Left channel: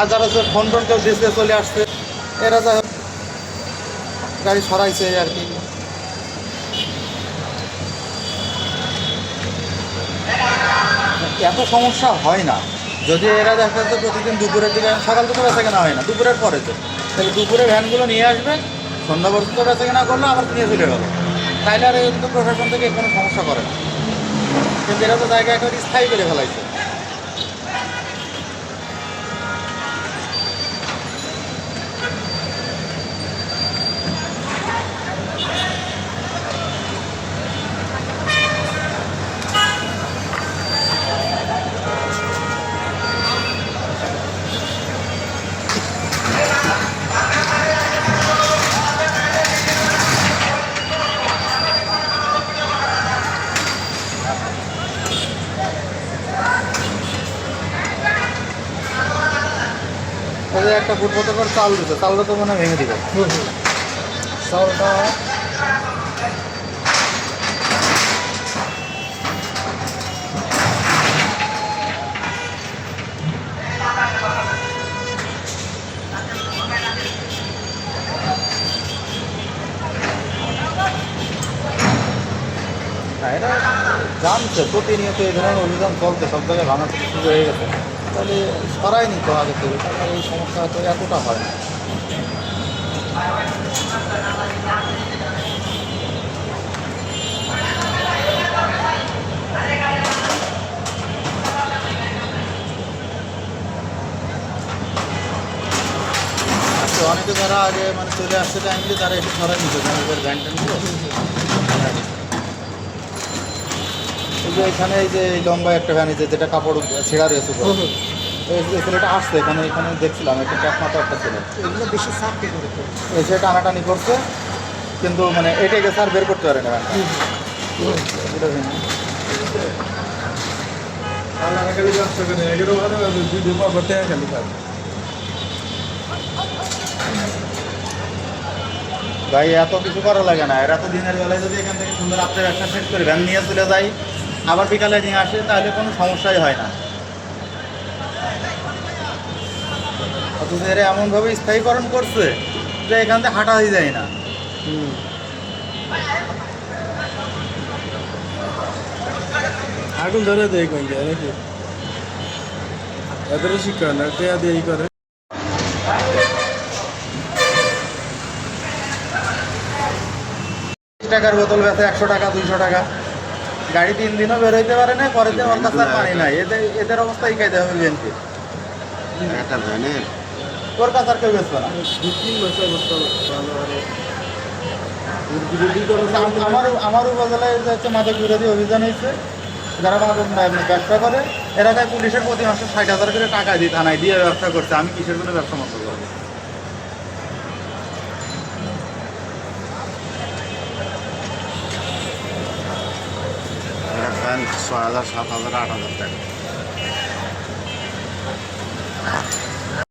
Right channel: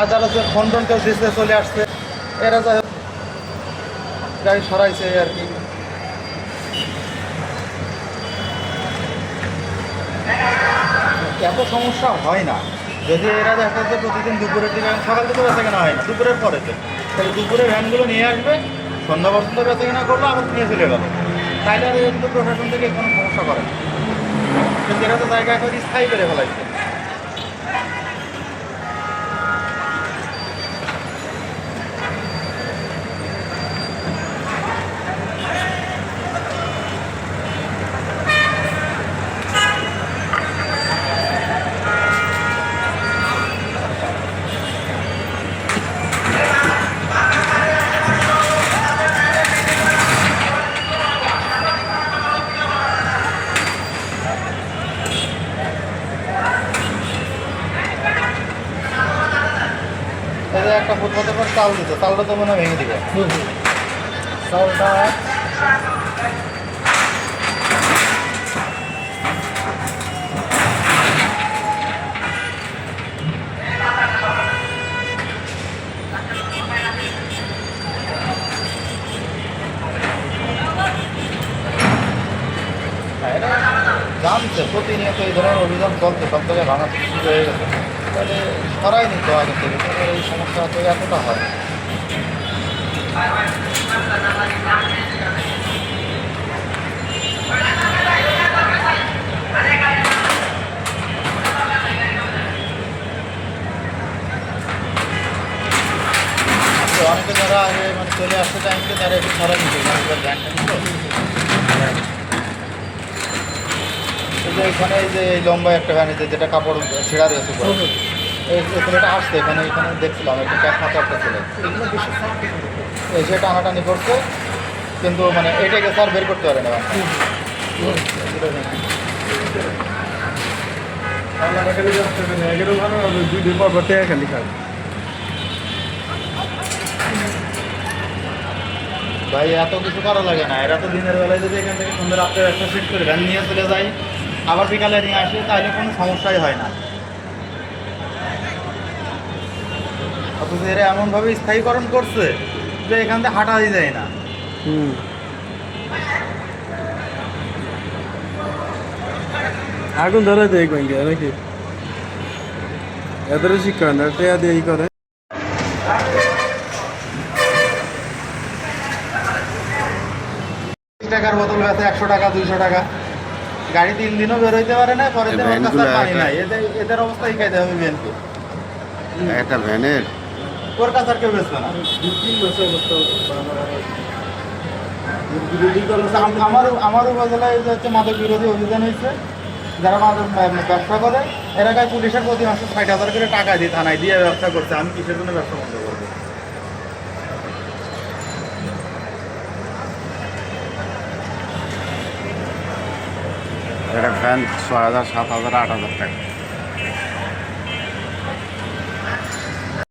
আর যারা phone tone কেউ দিচ্ছে চলে আসছে, এরা যা গাড়ি সরাইছে আর কি। এত সমস্যা হয় না যদি এরা দেখা যাচ্ছে প্রতিদিন দুপুরের দিকে, সকাল থেকে বেচা কেনা হয় না, দুপুরের পরেতে তাই দুপুরে ভ্যানগুলো নিয়ে আসবে, সন্ধ্যা পর্যন্ত বেচা কেনা করলো, আবার নিয়ে চলে গেল। তাইলে আর কিন্তু প্রশাসন থেকে কোনো সমস্যা করে না, কিন্তু এরা তো জায়গা একটা স্থায়ী করে ফেলাইছে। তাদের একটা ফুটপাতের পর চাল দিত, চালটা তো মনে হয় ভেঙে দিবে চালটা। জানছে প্রতিনিয়ত এই ধরনের অভিযান চলতে, সব জায়গায় ভাঙা শুরু হয়ে গেছে, তাহলে সরাই নিতে আগে থেকে, তাহলে এই সমস্যা হয়তো এতটা হয় না। অনেকে যারা আগে মানে চলে আসছে টাইমকে তারা একটু সরাই নিতে এবার ভ্যানটা নিতে। কিন্তু এখানে এই যে লম্বা একটা ভ্যান, যেটা কাপড় ছেঁড়া রয়েছে, এই ছেলেটা আসছে এখানে, এখানে দেখছিলাম একটা চাকমাতে একটা ছেলে, এগুলো বেশি সাফ এসে টানাটানি করছে, কিন্তু মানে এটাকে স্যার বের করতে পারে না। ভাই এত কিছু করা লাগে না, এরা তো দিনের বেলায় যদি এখান থেকে সুন্দর আপনার ব্যবসা সেট করে ভ্যান নিয়ে চলে যায়, আবার বিকালে নিয়ে আসে, তাহলে কোনো সমস্যাই হয় না। অথচ এরা এমনভাবে স্থায়ীকরণ করছে যে এখান থেকে হাঁটা হয়ে যায় না। আগুন ধরে দেয় কইলে নাকি এদের শিক্ষা না দিয়ে করে। টাকার বোতল আছে 100 টাকা 200 টাকা, গাড়ি 3 দিনও বেরোইতে পারে না, পরের দিন ওর কাছে পানি নাই। এদের অবস্থাই খাইতে হবে বিএনপি, একটা ভ্যানের ওর কাছে আর কেউ বেচবে না। আমার উপজেলায় যে হচ্ছে মাদক বিরোধী অভিযান হয়েছে, যারা মাদক ব্যবসা করে এরা গায়ে পুলিশের প্রতি মাসে 60,000 করে টাকা দিয়ে থানায় দিয়ে ব্যবসা করছে। আমি কিসের কোনো ব্যবসা বন্ধ করবো? একটা ফ্যান 6,000 7,000 8,000 টাকা।